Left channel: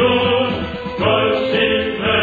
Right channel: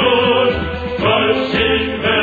Lord was in heaven.